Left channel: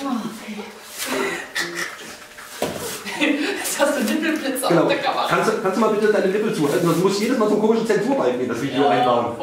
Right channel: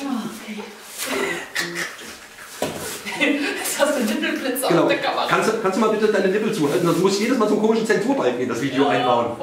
Okay. Jetzt hast du Nippelblitze auf der Kamera. Kannst du mal bitte deine Nippel zuhalten? Sonst muss ich jedes Mal zum komischen Zensurbalken in das Video einbauen.